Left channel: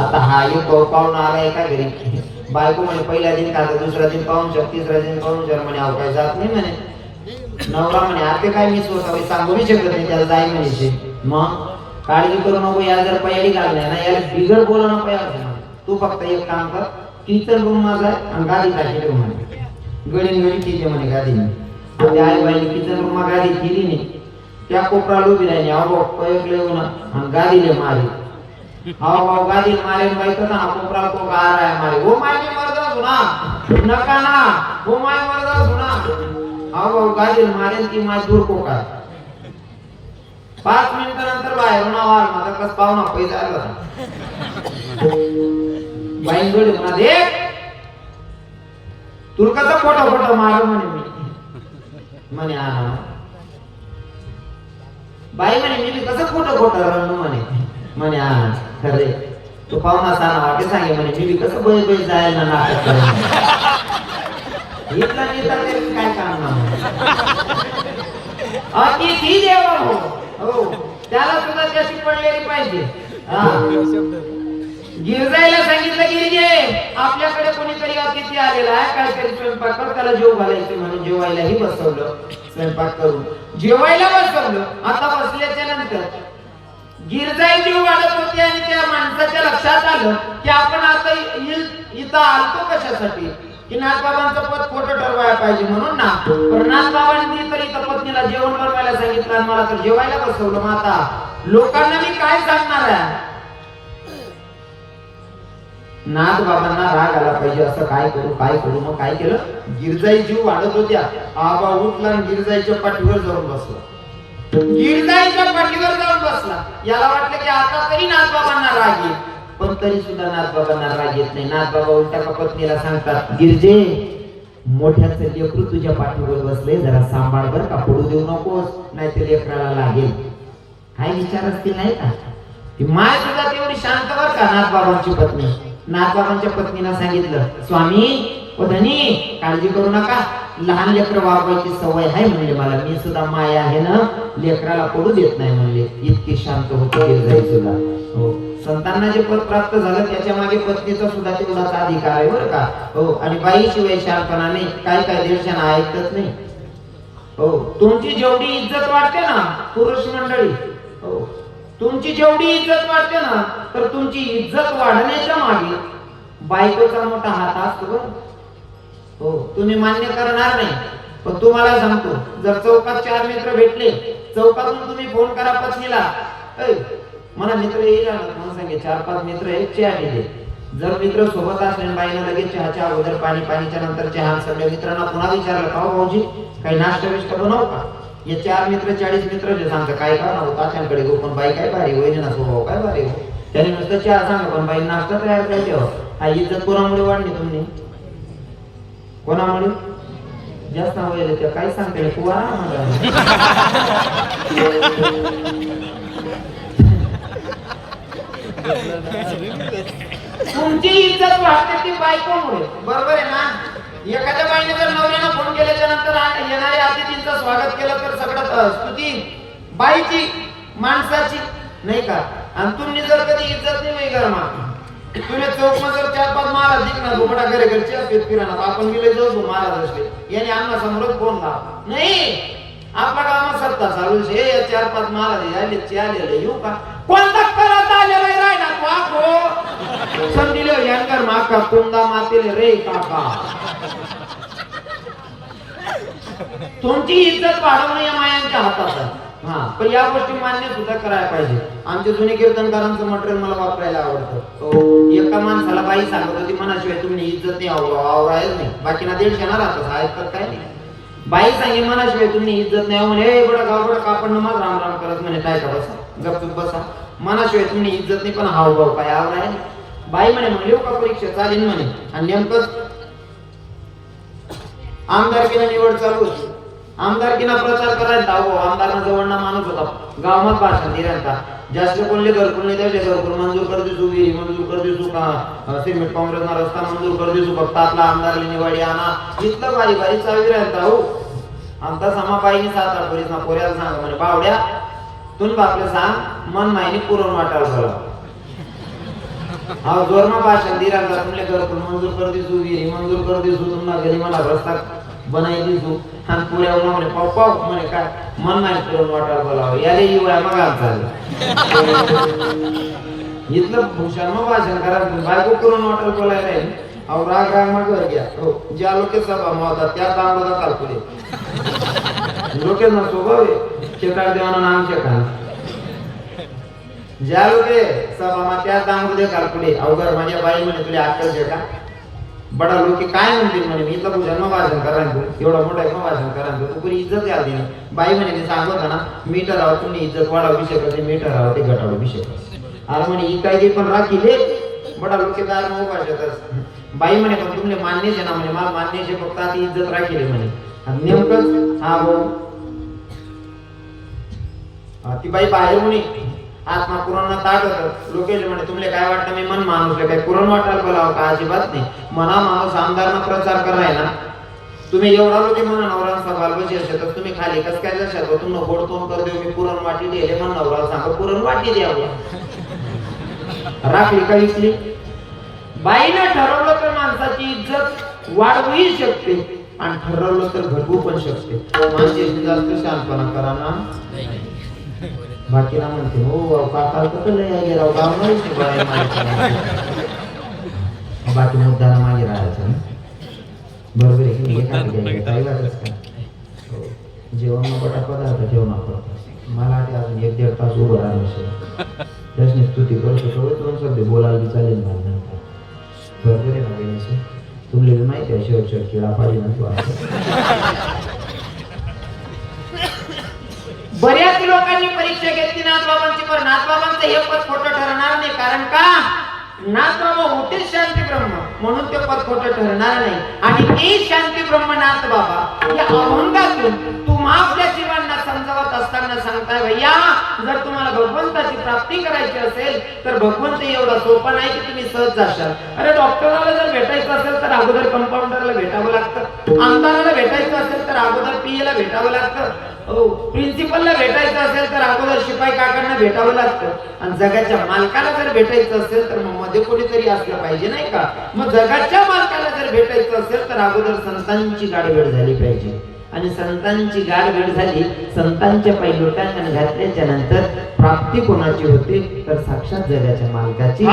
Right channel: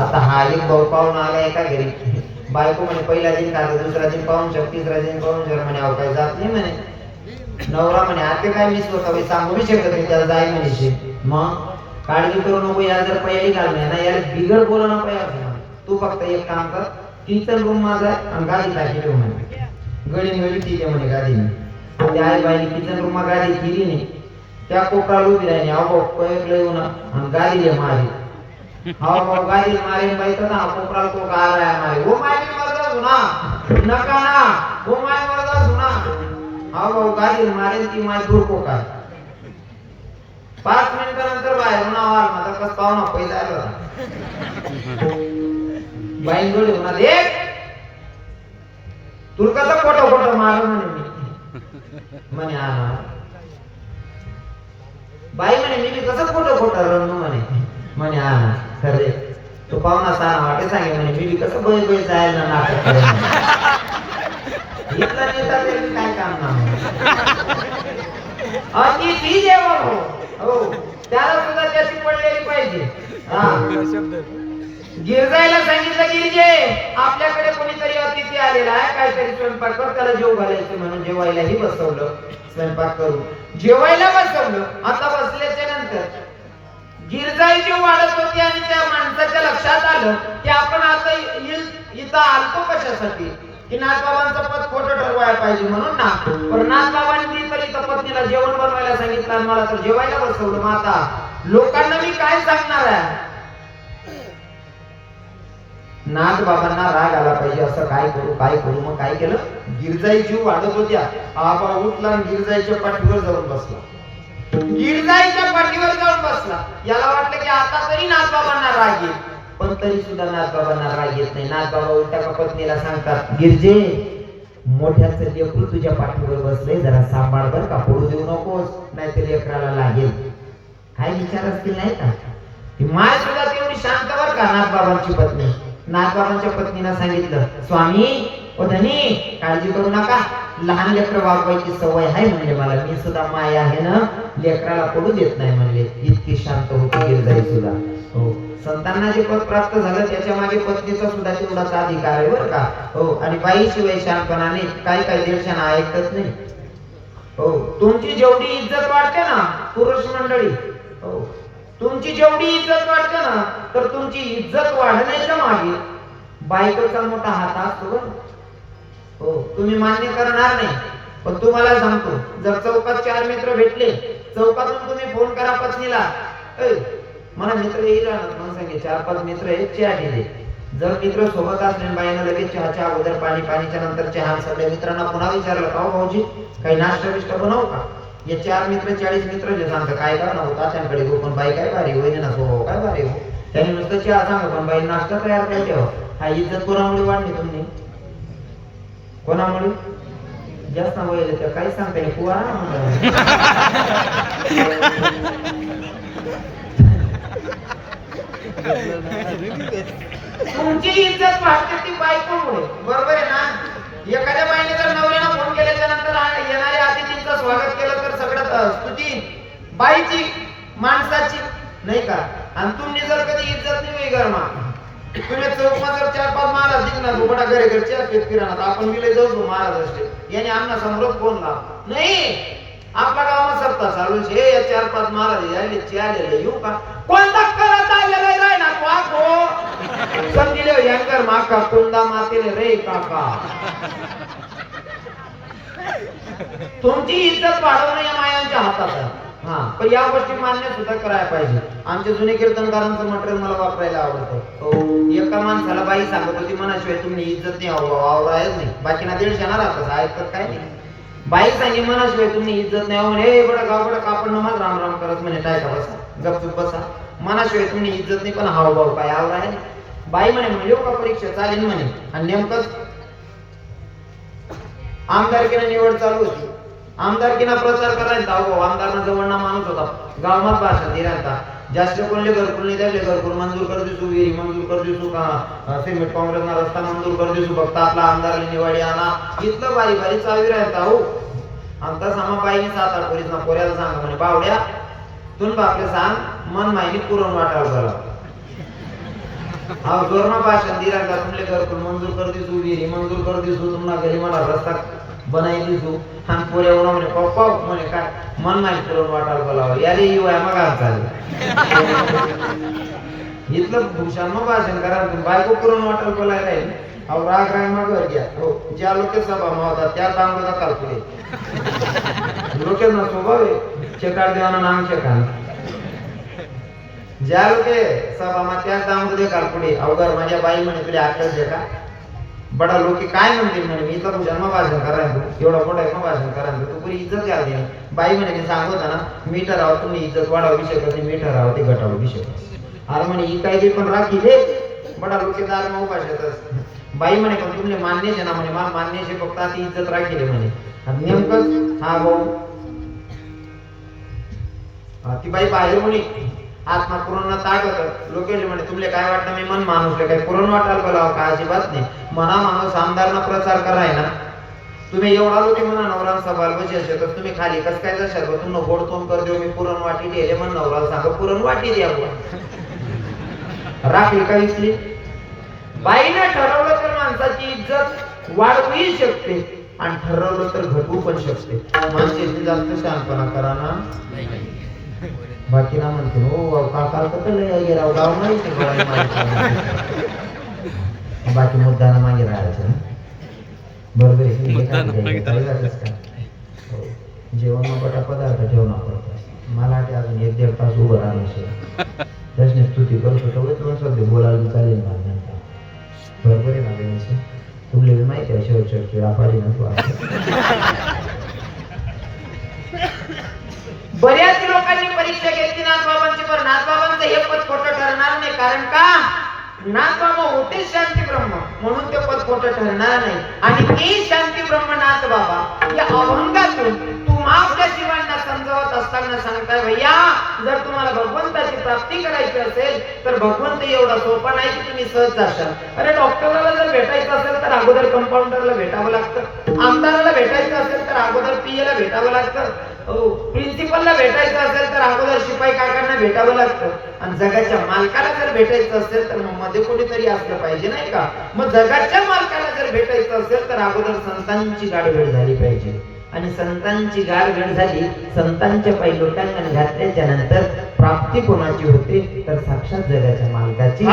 आता हा एक पाहून आला एका घरी, बायको म्हणे पहिला दिन का दुसरा दिन पाहून शक, तिसरा दिन पाहून शक, म्हणे अहो काय जात नाही म्हणे. नवरा म्हणे आता काय मी स्वतः सांगू नाही शकत नाही त्याला जाय म्हणे. मग काळजी करू नको, या जर पहिली घालणार ना यार बिघड बोला नको यार. तू फक्त एक काम कर, किचन रूम माझा आणि गादी टाकी ठेव म्हणे. गडी ठीक आहे म्हणे गादीने. त्या आई बाईने किचन रूम गादी केली नाही, त्या कोपरा उभी राहिली. अहो पहिले येऊ ना आणि गादीले मारी. अहो गादी मारे बायको ना कोपरा को गार आहे मारे. वो मारी मरदा सुना नका ना, वो मारी मरदा सुना. अहो गादी मारे ती माय दूर को काय. 5 मिनिटानंतर बाहेर ना आवाज माझा कस पाहुणा पैसा आला. बाई जोडे मध्ये तुला कसं खोटं मार म्हणे मी. म्हणे हा बाई म्हणे मी कसं खोटं रणू म्हणे. म्हणे हा खरे तो पाहुणा साना वाटे सांगे म्हणे मी कसं बोल जायला ना नाटक इथला नेता तरी काय काम ना. अतिथी जेवण हो त्याला सुद्धा त्याची पडलेली पाहिजे. गिरजाईला सांगितलं गिरजे आपल्याकडे कोणीतरी अतिथी आलेला आहे, काहीतरी स्वयंपाक कर, त्याला जेव घालायचे म्हणून जेवायलाही बसवलं. स्वयंपाक करून जेवायला बसवलं. आता बसल्याच्या नंतर गिरजाई जीव वाढत होती आणि त्या माणसाच्या लक्षात आलं की आपण आता इथं आलतो कशासाठी, की नाथबाबांचं पद खोटं ठरवायला पाहिजे म्हणून ना. पण नाथबाबांनी तर इथं पत्नीला जेवण बनवायला सांगितलं, मला तर जेवायला बसवलं. मग आता लोकांना मी काय सांगणार आहे. नाथबाबांना राग आला पाहिजे, असं काय करू. मग काय केलं, गिरजाई जीव वाढत होत्या. आबा उठला आणि गिरजाईच्या पाठीवर जाऊन बसला. गिरजाईच्या पाठीवर जाऊन बसला. याला वाटलं की आता तरी नाथबाबांना राग येईल, पण तरी सुद्धा नाथबाबांना राग येत नाही. नाथबाबा उलट्या पत्नीला सांगतात, गिरजे मोठ्याचं लेकरू तुझ्या पाठीवर बसले, जरा सांभाळ बर का, पडू देऊ नकोस, नाही तर लेकराला लागेल. काय विचार असतील नाही का, की माय सुद्धा तेवढी शांत बर का नाथबाबांची पत्नी. नाथबाबांच्या पत्नीला सांगितलं, स्वामी ओ धनी काळजी करू नका, लहान लेकर वागवायची सवय आहे म्हणले मला, मी सुद्धा माय आहे ना, लेकराला पडू देत नाही म्हणले. इतकी शांत होती गिरजाई सुद्धा. हो संतांना जे पद प्राप्त झालं त्याच्या मागे पत्नीचा सुद्धा तेवढाच अधिकार आहे बरं का. हो आणि बाई शिवाय शांतपणा नाही, काय दीडशा ऐकत नाही. हो तुमची जेवढी इज्जत वाढते ना पुरुष मंडळी, हो तुमची जेवढी इज्जत वाढते ना, तर तुमची इज्जत वाढण्याच्या मागे बायकोचा मोठा हात असतो बरं. हो तुम्ही मान्य करणार नाही, पण तुम्हाला सांगतो, जर चौकात 4 मित्र भेटले, चौकातून तुम्ही फोन करा पत्नीला, मला मित्र येईल म्हणून सांगे 4-5 मित्र एक चहा दिले. जर मित्र सोबत असले बाईनं लगेच चहाच्या अगोदर पाणीच्या नंतर चहा, सगळ्या मित्रांना पुन्हा विचारलं, का भाऊजी काही नाश्ता बिष्टा बनवू का. हे 4 मित्र 40 मित्र जे सांगतात काय करणार तात्यांकडे गो, पण बाई काय भारी होईल ना, स्वभाव काय भारी हो, त्याने नुसतं चहा सांगा, पण बाई नाश्ता तयार पाहिजे. हा इज्जत कोणामुळे वाढली तुम्ही, कोणामुळे जास्त वय त्या काय सांगते तू तुमची इज्जत वाढते ती बायकोमुळे, बरोबर आहे ना. एखाद्या बाईने जर नवऱ्यानं फोन केल्याच्या नंतर येणाऱ्या अतिथींचं स्वागत केलं तर सगळं स्तुती बाईची माणसाची नाही का. आणि तुम्ही जर कधी इज्जत नाही गरमा, तुम्ही चौकात जर 4-5 महाराज दिसणार बोबडा घरच्या फिरणार, आपण गेले जाऊ महाराज असले याने आम्हाला समोर फोन लाव नाही, आपला गावात सत्ता चालू आहे, या 4-5 महाराज आले येऊ का, कोणता करत आलेला आहे ना वाको समजिले यांकर माका कोंडा मातेले रे काका. तुमची इज्जत वाढवणं या मायांच्या हातात आहे. हा पण या गोष्टी मान्य सुद्धा करायला पाहिजे. आमचे जुने कीर्तनकारांचं मटेरियल मला वापरायला आवडतं. एका माणसाला बाई सांगत होती, मनाशिवाय तुम्ही इज्जत नाही आवरायच नाही, बाकीना 150 ना राहतात ऐकत काय नाही. बाई सांगे मनाशिवाय तुम्ही इज्जत नाही म्हणे, बडा गावड कापड नमाज राम राम करत म्हणे, काय करायचं गपचूप बसा, मनाशिवाय तुम्ही इज्जत नाही पण हावभाव काय आवराय. बाई म्हणे म्हणले का परीक्षा चालेल म्हणे. आणि नेमकंच आमदारकीला निवड चालू होती, आमदारकीना प्रचार करायचा. आमदारांना जवळना माणूस होता, गावात भाषण दिल्यानंतर जास्त कोणले घरकुल नाही द्यायचे, घरकुल मंजूर कर दिसू, विहिरी मंजूर कर दिसू का, सिमेंट काँग्रेसना रस्ता मंजूर कर दिसू, फक्त आपला आमदारला निवड आणा, इतकं बारी चावी राहता. हो आमचा समाबाईने 7-8 पोलीस ना पोऱ्याला सांग म्हणे, बावड्या तुम्ही आपलं सांग मन माहिती पुरवून वाटायला झाला. हा जोरमा भाषण दिला का तुमले घर मंजूर कर दिसू विहिरी मंजूर कर दिसू तुम्हाला घरी मला रस्ता बनाई दिसू आणि पुऱ्या उन्हा म्हणे पप्पा म्हणे काय मन नाही करून वाटायला बोलावं यारे इवळा मग चालेल इथलं भूषण मग भाषण करा बायको करून वाटायला बोलायला नाही अहो राग राग मग घर घ्या हो ज्या लोक सभा होता त्या दामोदा कालपुरे लोकांना स्वभाव आहे शेकार देवाना नाम शेकार ज्या लोके सभा त्या दामोदे कालपुरे अवघड माझ्या बाई म्हणे तुला आठवत आहे का बडा लोक काय म्हणतील म्हणे मी तर भूषण मग भाषण करायला एवढा मोठा मग भाषण करायला तू कोणी इज्जत द्यावी नाही बाई म्हणे मी सांगत होता ना मीटर राव तुम्ही इज्जत वाढावू विषय करते मीटर राव ते घटावू विषय अरे म्हणे ही काय पण राखी दे बडा लोक दार मग भाषेत बाई म्हणे पण तुमले मान्यच आहे ना म्हणे मला मान्यच आहे फक्त ती इज्जत राखील म्हणे आणि नेमकंच हा भाऊ ती बाई बाहेर म्हणे आत्मा पुराण ताट होत लोकेश म्हणे तुमले काय वाटतं मी मन माणूस काय पुरण वाटायला बोलावं का अजिबात नाही मना माणूस आमदारांना प्रचार कराय ना तुम्ही एवढा लोक म्हणा नवरा सवाल बसायचे तर तुम्ही खाली कस काय लक्षात तुम्ही गोड तोंड कर देऊ मी पुरण वाटी दिले म्हण नवरा सांगा पुरण वाटी द्या राखली का विकली बाईने ठरवलं तर माणसाची इज्जत वाढवूही शकते आणि ठरवलं तर घटवू पण शकते माणसाची जास्त शांतपणा करा ना बाकी ना म्हणते हो काका कसं गेला गाव नाही बाकी मुद्द्याला मागे राहायचं बरोबर जेवण मोठा पदार्थ जेवण वापरतात मला वाटते अजून 1-1.5 तास उभं राहणं त्याची स्तुती करतो सध्या बोलायला चालेल ना बरोबर आहे ना तुम्हाला माहिती आहे शेवट खेळा पाहिजे ना बऱ्याच लोकांनी परीक्षा घेतली नाथबाबांची पण नाथबाबांचं हे पद खोटं ठरणार नाही कारण का नाथबाबा होते शांती ब्रह्म म्हणून ते पद खोटं ठरणार नाही आणि ते शांती ब्रह्म नाथबाबा या अभंगातून तुम्हा आपल्या जीवांना समजावत असताना सांगताय भैया जर तुम्हाला भगवंताची प्राप्ती करायची असेल तर भगवंत एवढा सोपा नाही की तुम्ही सहज जाशाल अरे डॉक्टरला जर भेटायचं असेल तर अगोदर कंपाऊंडरला भेटावं लागतं आमदाराला भेटायचं असेल तर अगोदर पीएला भेटावं लागतं प्रिन्सिपलला भेटायचं असेल तर अगोदर शिपाई काकांना भेटावं लागतं आणि जगाच्या मालकाला जर भेटायचं असेल तर मग मध्ये कोणीतरी असलं पाहिजे नाही का मग जगाच्या मालकाला जर भेटायचं असेल तर अगोदर संतांची गाठभेट झाली पाहिजे आणि संतांची गाठभेट झाली संतांच्या पैलूटांना घातल्याच्या नंतर प्राप्ती कोणाची होते तर साक्षात जगाच्या मालकाची